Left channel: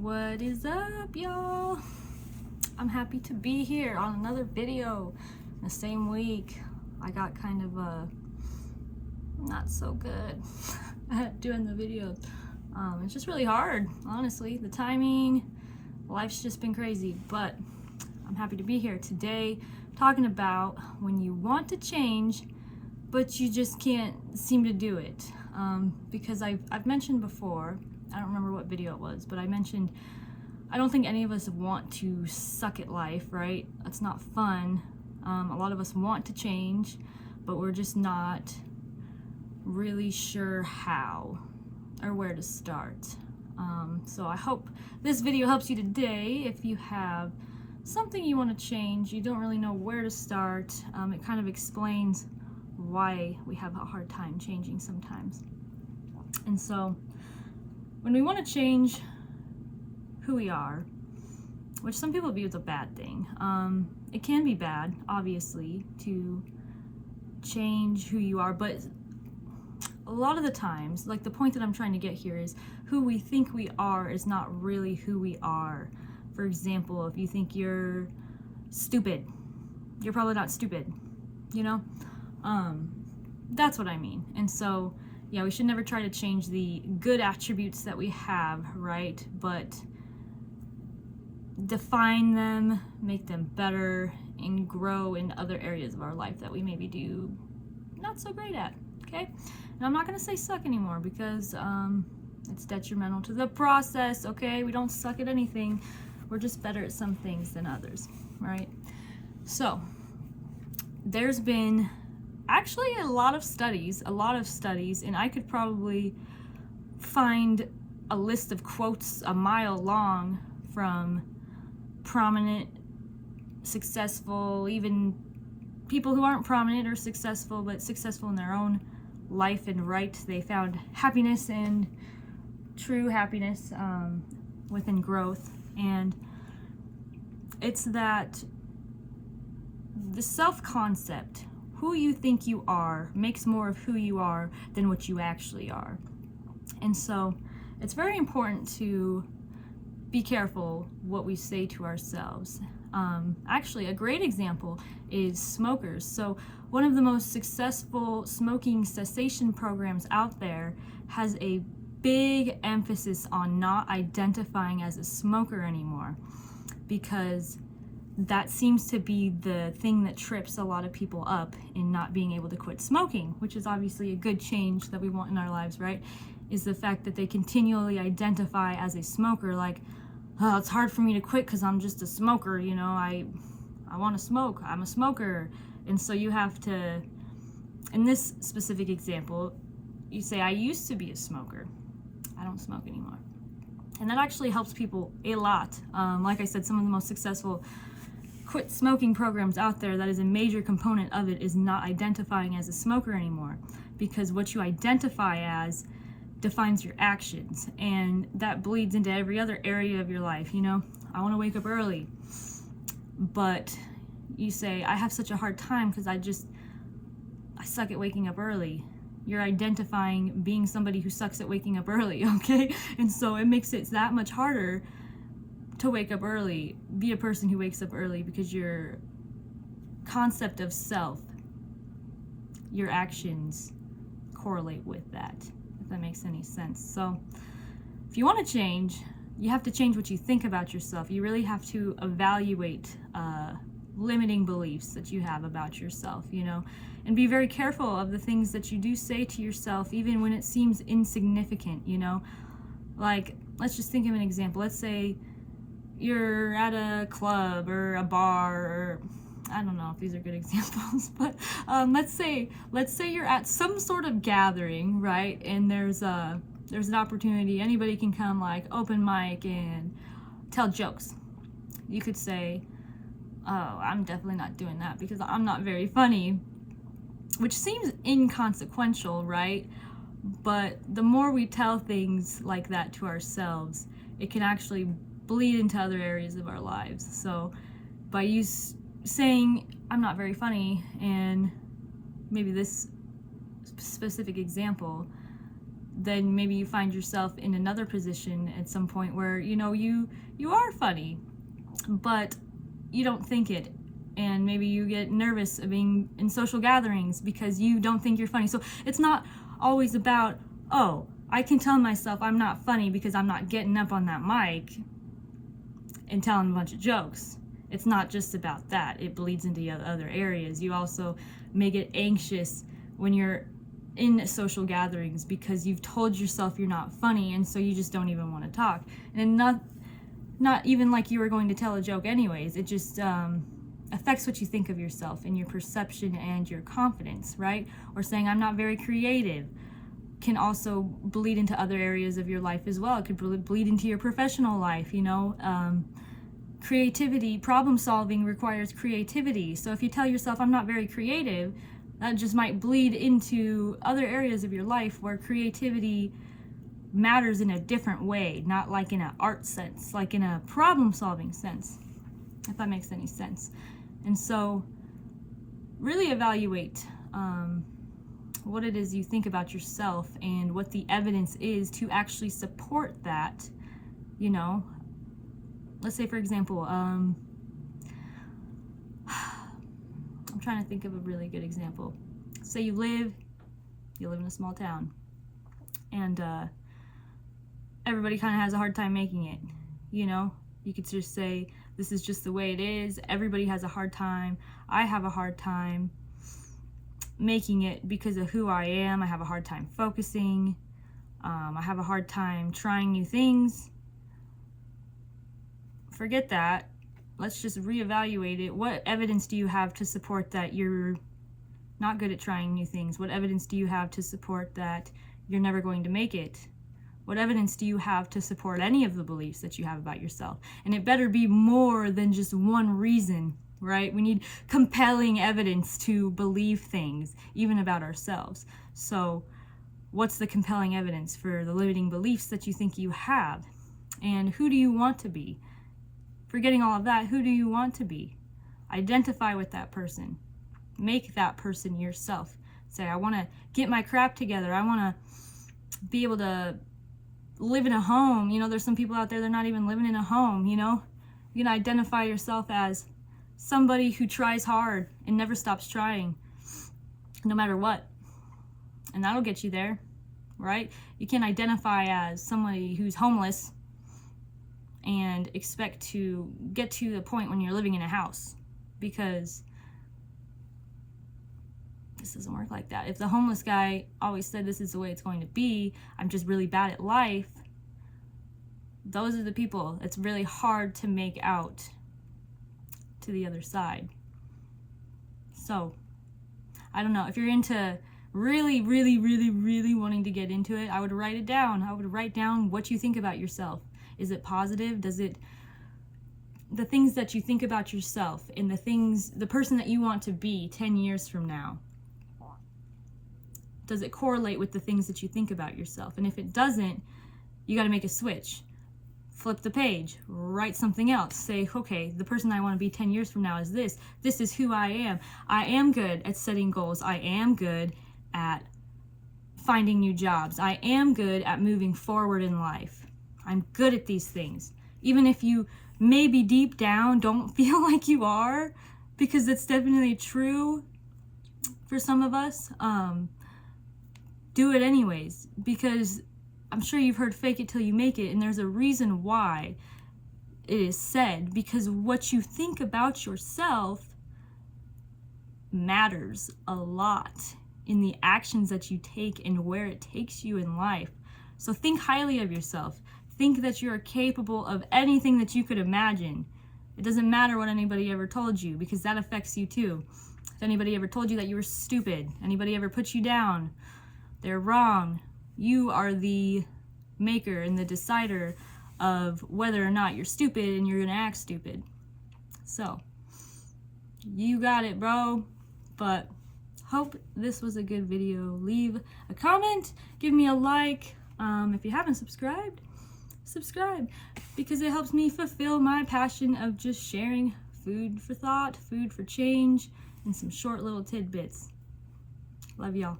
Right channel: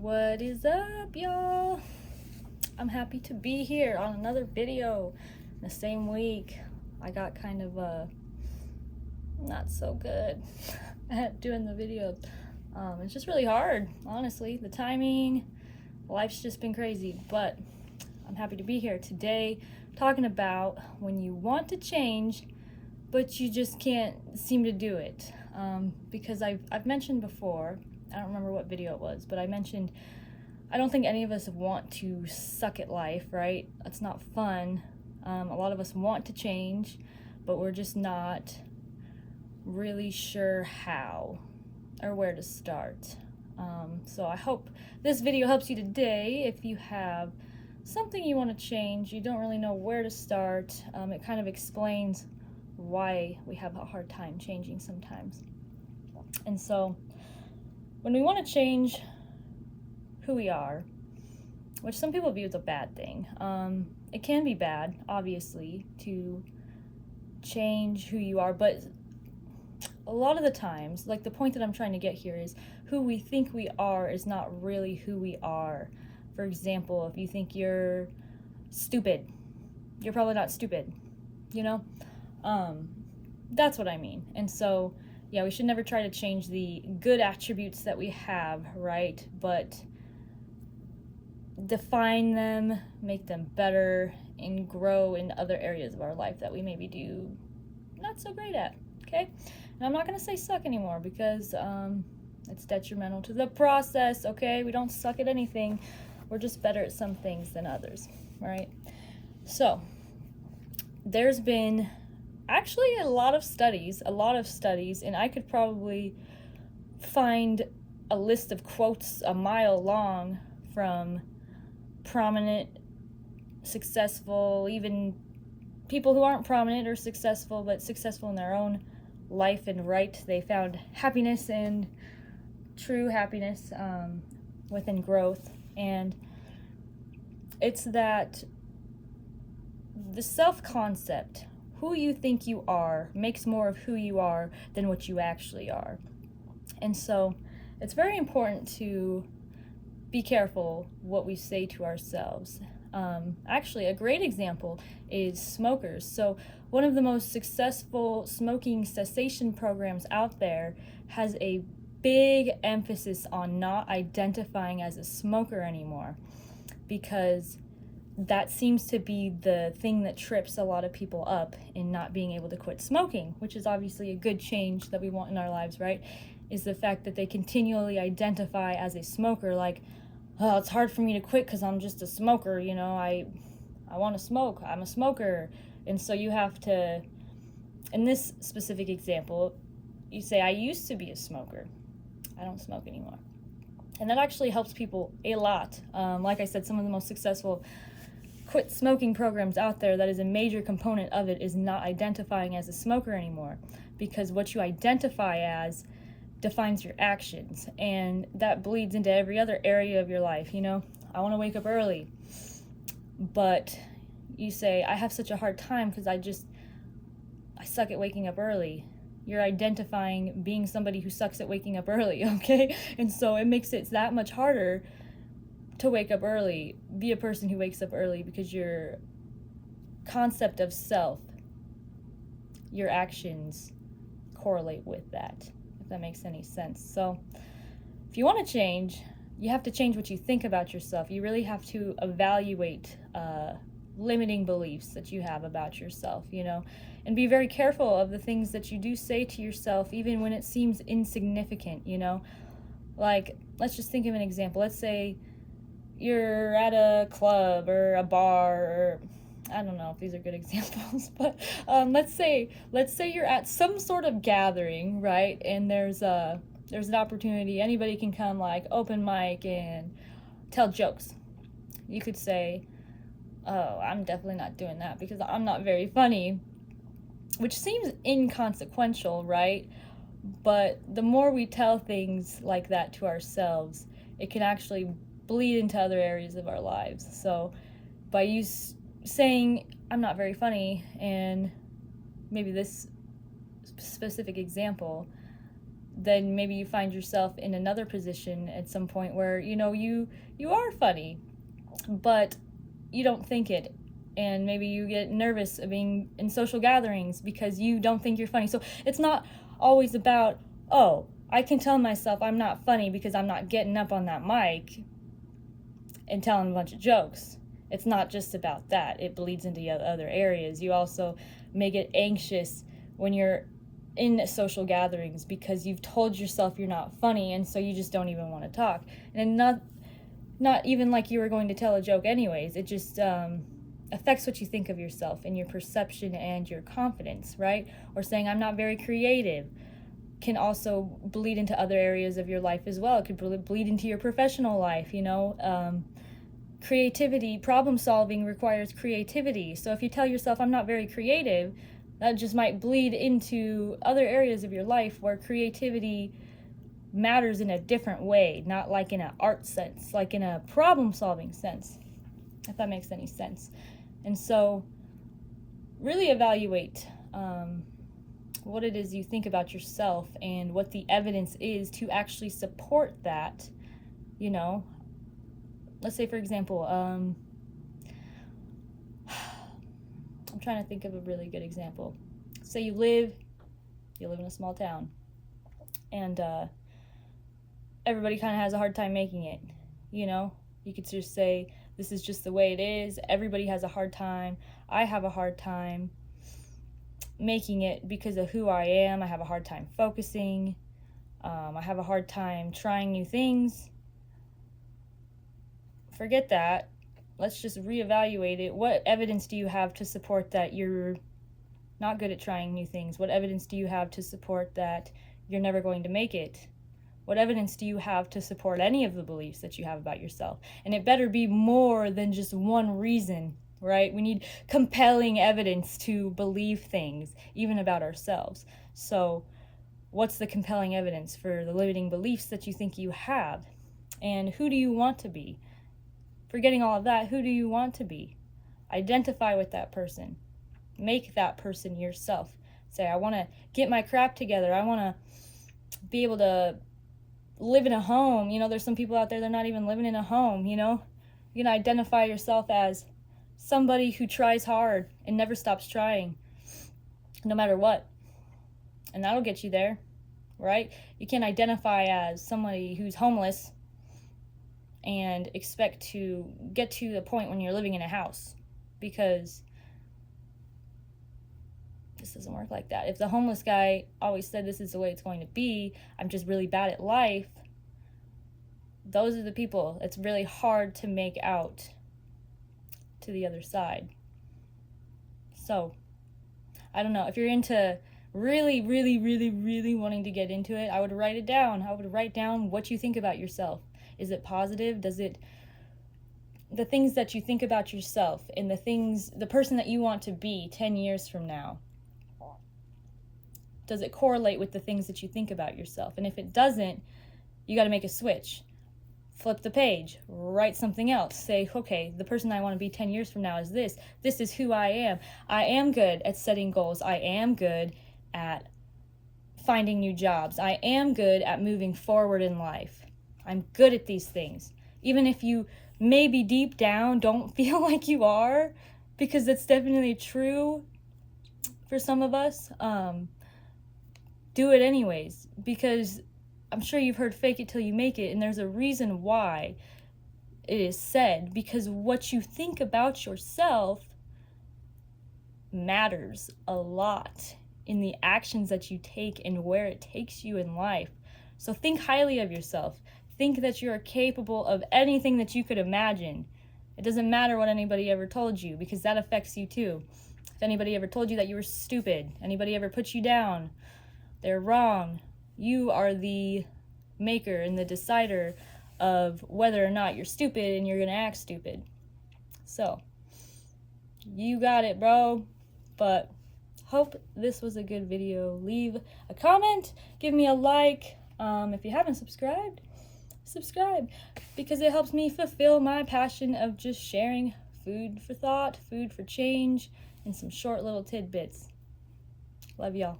What is up, y'all? I'm happy to be here on another video in the same week. I got kind of not so good at doing the videos. It's just really hard, honestly. The timing, life's just been crazy, but I'm happy to be here today talking about when you want to change but you just can't seem to do it. Because I've mentioned before, I don't remember what video it was, but I mentioned I don't think any of us want to suck at life, right? That's not fun. A lot of us want to change, but we're just not really sure how or where to start. So I hope this video helps you today. If you have something you want to change, you don't really know where to start, it kind of explains why we have a hard time changing sometimes. And so when we want to change who we are, which some people view as a bad thing, it can be bad, obviously, to change who you are, but a lot of the times, like the point that I'm trying to get here is who we think we are is not really who we are. For example, if you think you're stupid, you're probably not stupid, you know? That's what I mean. And so, yeah, we should never try to change the good attributes that we have, right? But define them, make them better, and grow in other areas of our life that we maybe do not so great at, okay? And I'm not going to say suck anymore because it's detrimental to the process, okay? We don't suck at anything. We're just better at some things than others, right? So, there's been actually a lot of studies, and I could probably find a list of quotes a mile long from prominent, successful, even people who aren't prominent or successful, but successful in their own life and right. They found happiness and true happiness within growth. And it's that the self-concept, who you think you are, makes more of who you are than what you actually are. And so it's very important to be careful what we say to ourselves. Actually, a great example is smokers. So one of the most successful smoking cessation programs out there has a big emphasis on not identifying as a smoker anymore, because that seems to be the thing that trips a lot of people up in not being able to quit smoking, which is obviously a good change that we want in our lives, right? Is the fact that they continually identify as a smoker, like, oh, it's hard for me to quit because I'm just a smoker, you know, I want to smoke, I'm a smoker. And so you have to, in this specific example, you say, I used to be a smoker, I don't smoke anymore. And that actually helps people a lot. Like I said, some of the most successful quit smoking programs out there, that is a major component of it, is not identifying as a smoker anymore, because what you identify as defines your actions, and that bleeds into every other area of your life. You know, I want to wake up early, but you say, I have such a hard time because I suck at waking up early. You're identifying being somebody who sucks at waking up early, okay? And so it makes it that much harder to wake up early, be a person who wakes up early, because your concept of self, your actions correlate with that, if that makes any sense. So if you want to change, you have to change what you think about yourself. You really have to evaluate limiting beliefs that you have about yourself, you know, and be very careful of the things that you do say to yourself, even when it seems insignificant, you know. Like, let's just think of an example. Let's say you're at a club or a bar, or I don't know if these are good examples, but let's say you're at some sort of gathering, right? And there's an opportunity, anybody can come, like open mic and tell jokes. You could say, oh, I'm definitely not doing that because I'm not very funny, which seems inconsequential, right? But the more we tell things like that to ourselves, it can actually bleed into other areas of our lives. So by you saying, I'm not very funny, and maybe this specific example, then maybe you find yourself in another position at some point where, you know, you are funny, but you don't think it. And maybe you get nervous of being in social gatherings because you don't think you're funny. So it's not always about, oh, I can tell myself I'm not funny because I'm not getting up on that mic and telling a bunch of jokes. It's not just about that. It bleeds into other areas. You also may get anxious when you're in social gatherings because you've told yourself you're not funny, and so you just don't even want to talk. And not even like you were going to tell a joke anyways. It just affects what you think of yourself and your perception and your confidence, right? Or saying I'm not very creative can also bleed into other areas of your life as well. It could bleed into your professional life, you know. Creativity, problem solving requires creativity. So if you tell yourself I'm not very creative, that just might bleed into other areas of your life where creativity matters in a different way, not like in an art sense, like in a problem solving sense, if that makes any sense. And so really evaluate what it is you think about yourself and what the evidence is to actually support that. You know, let's say, for example, I'm trying to think of a really good example. Say you live in a small town, and everybody kind of has a hard time making it. You know, you could just say, this is just the way it is. Everybody has a hard time. I have a hard time making it because of who I am. I have a hard time focusing. I have a hard time trying new things. Forget that. Let's just reevaluate it. What evidence do you have to support that you're not good at trying new things? What evidence do you have to support that you're never going to make it? What evidence do you have to support any of the beliefs that you have about yourself? And it better be more than just one reason, right? We need compelling evidence to believe things, even about ourselves. So what's the compelling evidence for the limiting beliefs that you think you have? And who do you want to be? Forgetting all of that, who do you want to be? Identify with that person. Make that person yourself. Say, I want to get my crap together. I want to be able to live in a home. You know, there's some people out there that are not even living in a home, you know? You can identify yourself as somebody who tries hard and never stops trying, no matter what. And that'll get you there, right? You can't identify as somebody who's homeless and expect to get to the point when you're living in a house, because this doesn't work like that. If the homeless guy always said this is the way it's going to be, I'm just really bad at life, those are the people it's really hard to make out to the other side. So I don't know, if you're into really wanting to get into it, I would write it down. I would write down what you think about yourself. Is it positive? The things that you think about yourself and the person that you want to be 10 years from now, does it correlate with the things that you think about yourself? And if it doesn't, you got to make a switch. Flip the page, write something else. Say, okay, the person I want to be 10 years from now is this. This is who I am. I am good at setting goals. I am good at finding new jobs. I am good at moving forward in life. I'm good at these things. Even if you maybe deep down don't feel like you are, because that's definitely true for some of us, do it anyways, because I'm sure you've heard fake it till you make it, and there's a reason why it is said, because what you think about yourself matters a lot in the actions that you take and where it takes you in life. So think highly of yourself. Think that you are capable of anything that you could imagine. It doesn't matter what anybody ever told you, because that affects you too. If anybody ever told you that you were stupid, anybody ever put you down, they're wrong. You are the maker and the decider of whether or not you're stupid and you're going to act stupid. So, you got it, bro. But hope this was a good video. Leave a comment, give me a like. If you haven't subscribed, subscribe, because it helps me fulfill my passion of just sharing food for thought, food for change, and some short little tidbits. Love y'all.